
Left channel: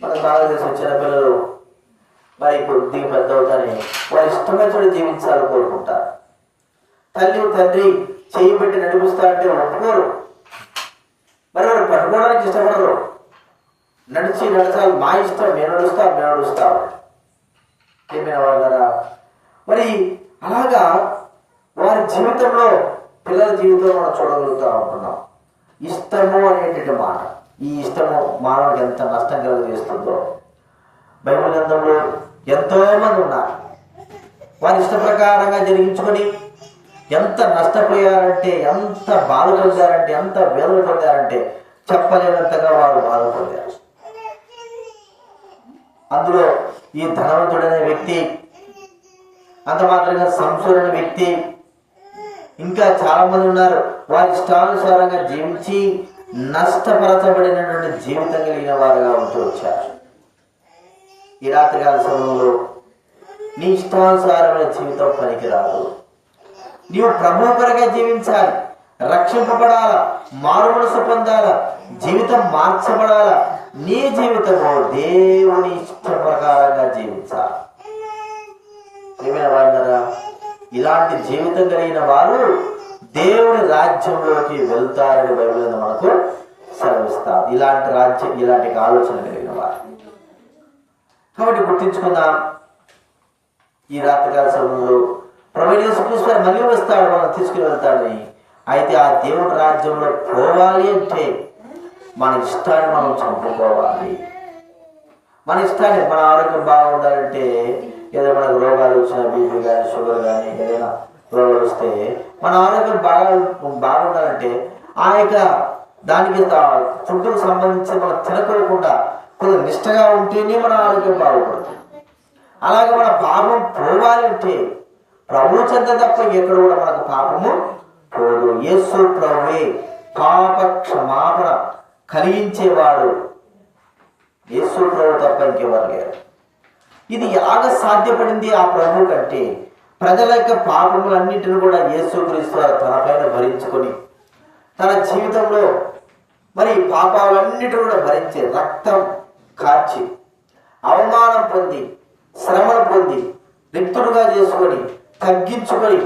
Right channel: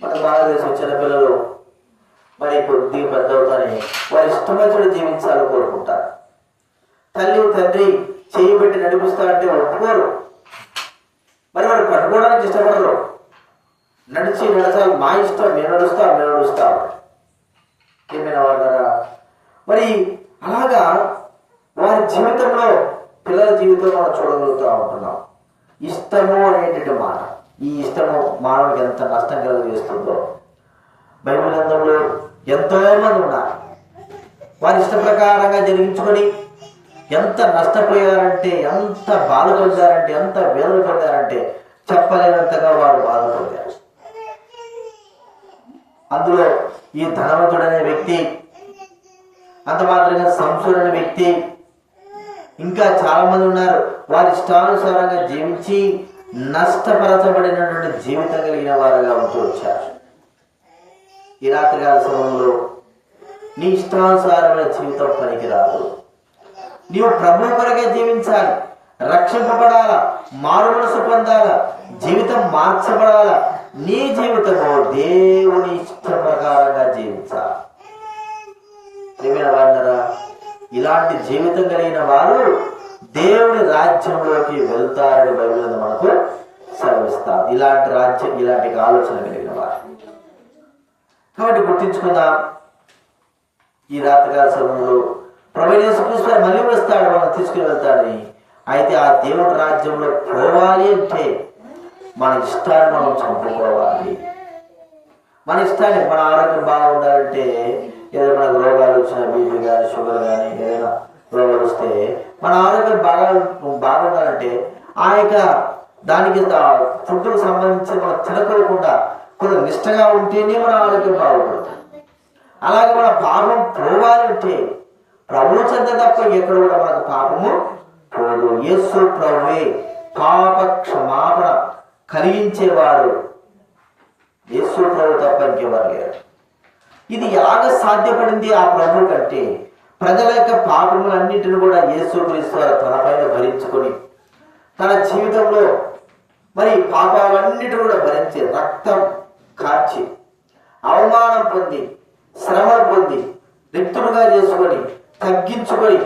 మనకు బాగా తెలిసి వచ్చిన పిల్లలు మరి కొద్దిగా పెద్ద అవుతానే వారి ఇష్టమైన జీవించాలని కోరుకుంటారు. తల్లి తండ్రి చేయి పెట్టి నడిపిస్తా అంటే ఒప్పుకోరు. మరి వాడు పట్టుకోవడానికి ఇష్టపడరు. నడచాలి, మా ఇష్టం, మేము నడుస్తాం. ఏమైనా వాళ్ళరా, మరి అలాగా వారి జీవితంలో, పిల్లల జీవితంలో మనం చూడగలుగుతూ ఉంటున్నాం. ఇష్టము అనేటువంటి మాట, ఈ ఇష్టము మానవుడికి ఎంత నష్టం కలుగజేస్తుందో బైబిల్ గ్రంథంలో ఎంతో మంది ఉన్నారు. వారి ఇష్ట ప్రకారంగా జరిగించుకొని ఎంత నష్టపోయారంటే, ఎంత బాధ పొందారంటే, ఎంత వేదన పొందారంటే చెప్పలేనంతగా వారు బాధపడ్డారు. అందులో ఈ ధనవంతుడనే వ్యక్తి, అంత మాత్రంగా సంసోను వ్యక్తి, ఇంకా చాలా మంది ఉన్నారు. వారి ఇష్టానుసారంగా జీవించి నష్టపరచబడినటువంటి జీవితం కలిగిన వారుగా ఉంటూ వచ్చారు. ఈ రాత్రికాల సమయంలో నీ ఇష్టానుసారమైన జీవితం పనికిరాదు. నీవు ప్రభు కొరకే జీవించాలి, రక్షింపబడాలా, మారు మనసు పొందాలా, జీవితం మార్చబడాలా. నీ జీవితము దేవుని ఇష్ట ప్రకారంగా జీవించాలి. ప్రియమైన వారలారా, ఇలాంటి జీవితం కలిగిన వారు దేవుని రాజ్యంలోకి వెళ్తారని బైబిల్ మనకు సెలవిస్తారు. ఇలాంటి ఆలోచన కలిగిన వారు. కాబట్టి గుర్తించుకుందాం, ఈ రాత్రికాల సమయంలో ప్రభువైన యేసుక్రీస్తు మళ్ళీ వస్తాడు, మనం తీసుకుని వెళ్తాడని. అయితే ఆ దేవుని రాజ్యంలో పోవాలి అంటే మన ఇష్టాన్ని మనం చంపుకోవాలి. మన ఇష్టాన్ని, మన ఆరోగ్యం బాగుండాలంటే, ఏదైనా మనకు రోగాలు వచ్చిన బీపీ కానీ, షుగర్ కానీ, ఏదైనా రోగాలు వస్తే మన ఆరోగ్యం బాగుండాలంటే ఆ యొక్క దానికి ఫుడ్కు సంబంధించి మనం తినకోకుండా కొంచెం నిష్టగా ఉంటేనే మన ఆరోగ్యం బాగుపడుతుంది. అలాగే మన పాపం పోవాలి అంటే ప్రభువు చెంత తప్ప ఎక్కడ కూడా మనకు పాపము పోదు. యేసు ప్రభువే పాప క్షమాపణ కలిగించేవాడు. యేసు ప్రభు తప్ప ఇంకెవరు లేరు. ఇది ఎలాగ సాధ్యపడింది ఆ ప్రభు కంటే? ప్రజల యొక్క పాపములన్నింటిని కూడా యేసుక్రీస్తు తనపైన భరించుకొని తన జీవితంలో మరి పాపాలన్నిటిని కూడా భరించి రక్తం కార్చి అవమానం పొంది శ్రమను పొంది రిక్తుడుగా చేసుకొని తగ్గించుకొని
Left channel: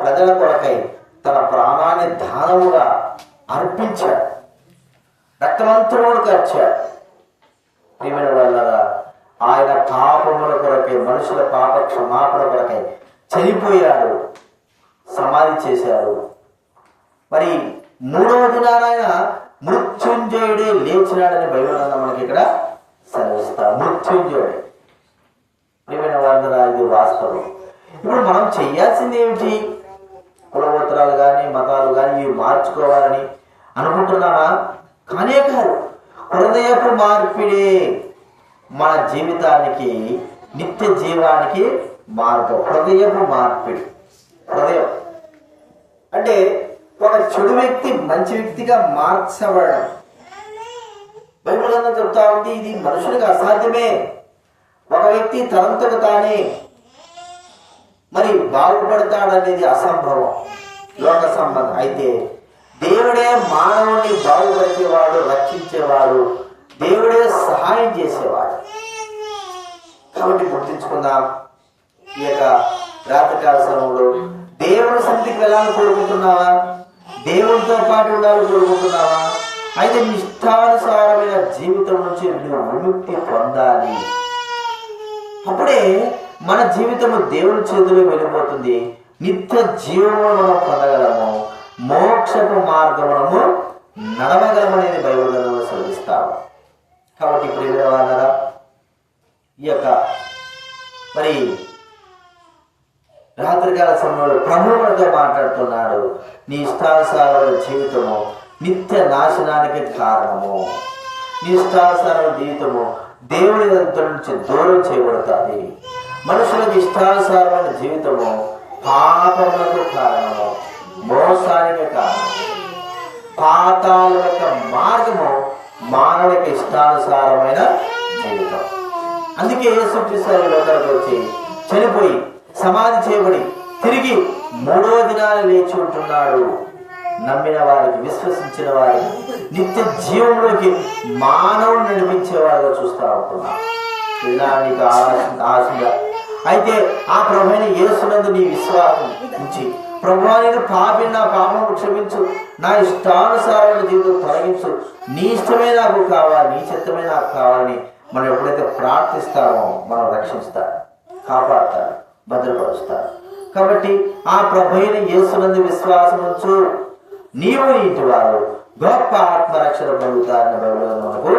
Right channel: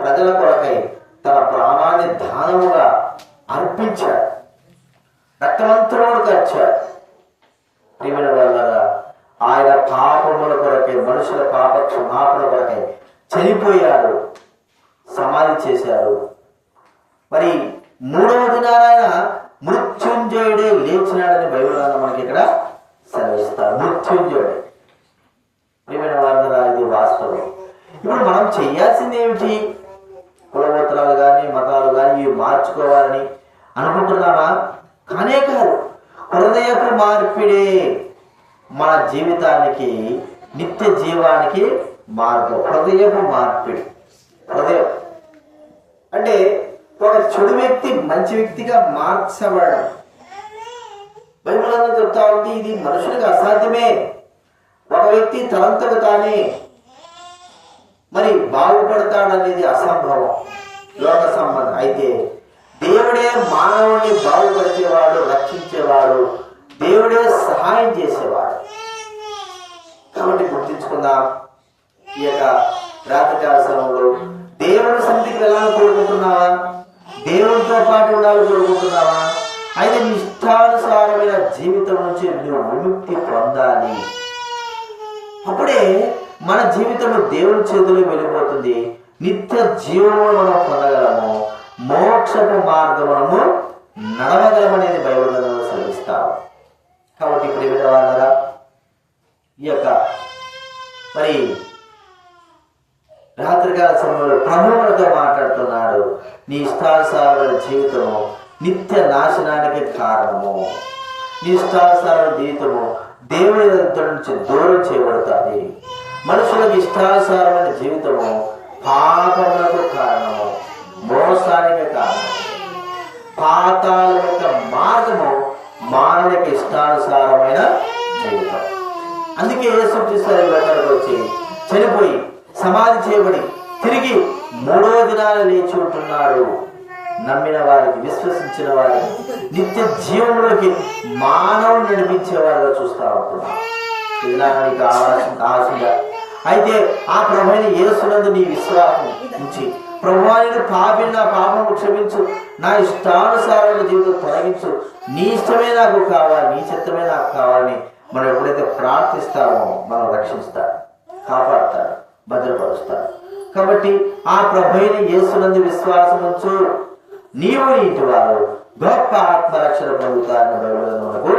ప్రజల కొరకై తన ప్రాణాన్ని దానముగా అర్పించాడు. రక్తమంతరుడు కార్చాడు. ప్రియమైన వాళ్ళరా, ఆయన పాపముల కొరకై, మనుషుల పాప క్షమాపణ కొరకై చనిపోయాడు, సమాధి చేశాడు. మరి 3వ దినాన ఆయన మృత్యుంజయుడే లేచినాడని బైబిల్ మనకి ఇక్కడ సెలవిస్తారు. మృత్యుంజయుడే. ప్రియమైన వాళ్ళరా, ఇది వాస్తవం. ఇప్పుడు మనం చేయాల్సింది ఏమిటి? కులగోత్రాలు కానీ మతాలు కానీ ఇవి మార్చుకోవాలని అనుకుంటున్నానా? కానే కాదు. హృదయపు మార్పిడే మన జీవితానికి, నిత్య జీవానికి మార్గం. హృదయపు మార్పిడి. హృదయం అంటే ఒక చెడు వ్యక్తి మంచి వ్యక్తిగా మార్చబడడం. బైబిల్ అంతా చెప్తా ఉంది, ఇది మనుషులకు అసాధ్యమే. ఒక వ్యక్తి తనంతట తానే మరి బాగుపడతాడనేది అసంభవం, లోక సంబంధం. అయితే దేవుడే మానవుణ్ణి బాగుపరిచేవాడు, రక్షించేవాడు, దేవుడే సహాయం చేసేవాడు. కాబట్టి గుర్తించుకుందాం, ఈ యొక్క రాత్రికాల సమయంలో దేవుని సన్నిధికి వెళ్ళాలని కోరుకుంటున్నావా? దేవునితో పాటు ఉండాలని కోరుకుంటున్నావా? అయితే నీ ఇష్టానుసారమైన జీవితం నుంచి నువ్వు విముక్తి పొందాలి. అప్పుడే మన జీవితంలో దేవుని చేతిలో వెళ్ళిపోతుంది. నిత్య జీవమును మనం పొందగలము, మోక్షపు మార్గమును నడవగలమనేది బైబిల్ గ్రంథంలో సెలవిస్తాము. కాబట్టి ప్రియమైన వాళ్ళరా, ఈ యొక్క మరి రాత్రికాల సమయంలో ప్రభువు మనతో మాట్లాడుతున్నాడు. నీ ఇష్టానుసారమైన జీవితము నిత్య నాశనానికి కారణము. నీ ఇష్టానుసారమైన జీవితము దేవుని దగ్గర నుంచి దూరం చేయబడుతుంది. మనుషులకు ఇష్టానుసారమైన జీవితము పాపములకు కారణము, మోసానికి కారణము. పాతాల యొక్క మార్గము మానవునికి ఇష్టానుసారమైన జీవితం. అందుకే యేసుక్రీస్తు లోకానికి వచ్చి చనిపోయి సమాధి చేయబడి తిరిగి 3వ దినాన లేచి ఉంటున్నాడు. నమ్మిన వారికి, విశ్వసించిన వారికి నిత్య జీవంలోకి మానవుని నడిపించేవారుగా చూస్తూ ఉంటున్నాం. ఇలా నీకు ఆశగా అయితే ఆ ప్రభువైన యేసునందు నీ విశ్వాసం ఉంచి, ప్రభువా నేను పాపిని, నా పాపము క్షమించు, నా ఇష్టానుసారమైన జీవితం తొలగించు, నీ ఇష్టమే నాకు కావాలి, నీ చిత్తమే నాకు కావాలని మనం ఎప్పుడైతే ప్రార్థిస్తామో మనం రక్షిస్తాడు, కాపాడతాడు, భద్రపరుస్తాడు. కాబట్టి ఆ ప్రభువైన యేసునందు విశ్వాసం ఉంచు, నీవు నీ ఇంటి వారు గొప్ప ఆత్మరక్షణ పొందుతారని బైబిల్ మనకు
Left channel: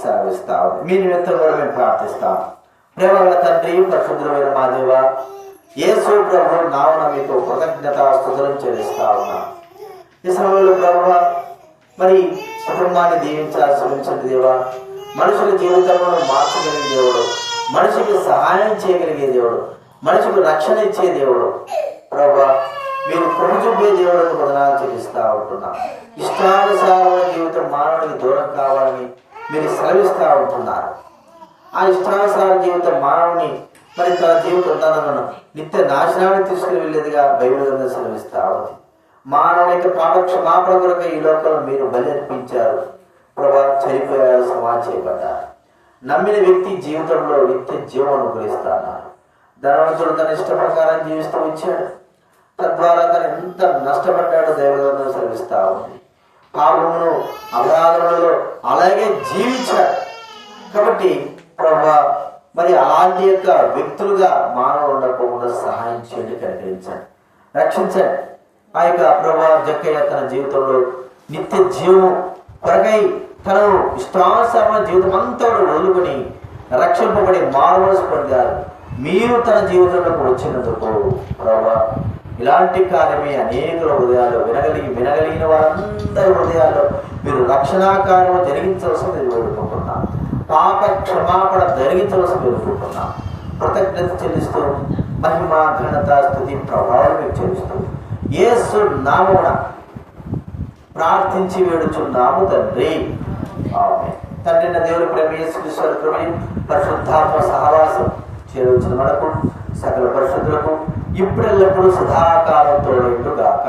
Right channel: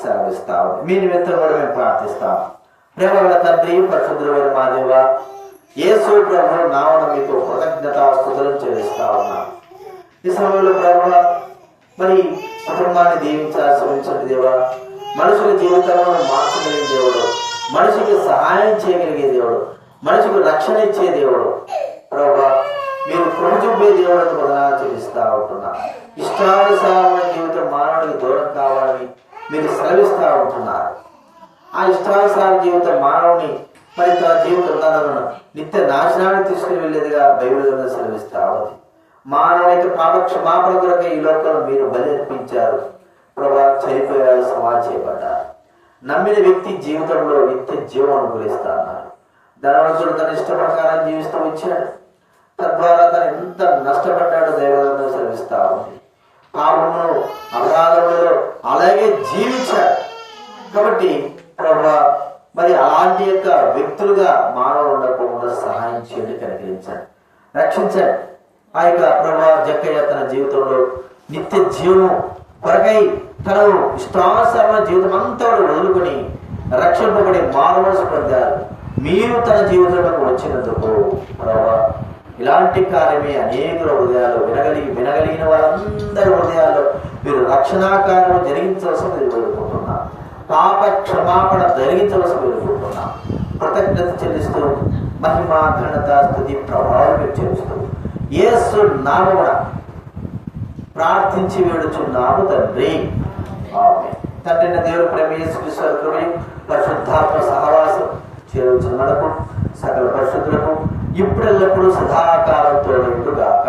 సెలవిస్తాం. మీ నిమిత్తం కూడా మేము ప్రార్థిస్తాం. ప్రేమగల తండ్రి, పరిశుద్ధులైన మా దేవ, యేసు ప్రభు నామమున మీకు కృతజ్ఞతాస్తుతులను చెల్లిస్తా ఉన్నాం. ఈ సమయంలో ప్రభు మరి కుటుంబాన్ని దీవించాల్సి దేవా, మనుషుల జీవితంలో మార్చగలిగే దేవుడు, మనిషికి సహాయం చేయగలిగే దేవుడు, మనిషికి రక్షణ ఇచ్చే దేవుడు ప్రభు, మీరు కృప చూపే దేవుడికి వందనాలు చెల్లిస్తా ఉంటున్నాం. ఇష్టానుసారమైన జీవితం మానవునికి దూరం కావాలని మీరు సెలవిస్తూ ఉంటున్నారు. ఆ ఇష్టానుసార జీవితం మానవుని మరి తన జీవితం తనను నిత్య నాశనానికి తీసుకుని వెళ్ళేదిగా బైబిల్ గ్రంథం సెలవిస్తా ఉంది. మానవుని యొక్క పాప క్షమాపణ కొరకు ఈ లోకంలో మీరు బలి అర్పించారు ప్రభా, చనిపోయారు, సమాధి చేయబడ్డారు. నమ్మిన వ్యక్తి జీవితంలో నిత్య జీవం అనుగ్రహిస్తా అన్నారు. ధనవంతుడు తన ఇష్ట ప్రకారం జీవిస్తూ ఇచ్చాడు, తద్వారా తను ఎంత నష్టపడ్డాడో దైవగ్రంథం సెలవిస్తా ఉంది. పాపమును అపరాధములలో అలాగే జీవించాడు. కాబట్టి ప్రభా మరి అలాంటి యొక్క వ్యక్తులుగా మానవులు ఉండకుండా సహాయం చేయండి, కనికరించండి, రక్షించండి. ఆ యొక్క ప్రభా జక్కయ్య తన జీవితంలో నిత్య జీవం కొరకై తను ఇష్టానుసారమైన జీవితం అంతా వదులుకొని రక్షింపబడి మానవలసి పొందారు. మీరు తన జీవితంలోకి వచ్చినందుకు ప్రభా ఇలాంటి కార్యమే అనేకుల హృదయాల్లో వినగలిగిన వారందరి హృదయాల్లో మీరు రక్షణా కార్యం జరిగించవలసి వేడుకుంటున్నాం. పాప క్షమాపణ జరిగించవలసి వేడుకుంటున్నాం. కృతజ్ఞత చెల్లిస్తూ మహిమ, ఘనత, స్తుతి, ప్రభావం మీరు చెల్లిస్తూ యేసు నామమున ప్రార్థించి వేడుచున్నాము తండ్రి. ఆమేన్. తండ్రి దేవుని ప్రేమ, యేసుక్రీస్తు కృప, పరిశుద్ధాత్మ సహవాసం చేరువచ్చిన మనకు సకల పరిశుద్ధులకు ఇప్పుడెల్లప్పుడూ సదాకాలం తోడైండుగాక.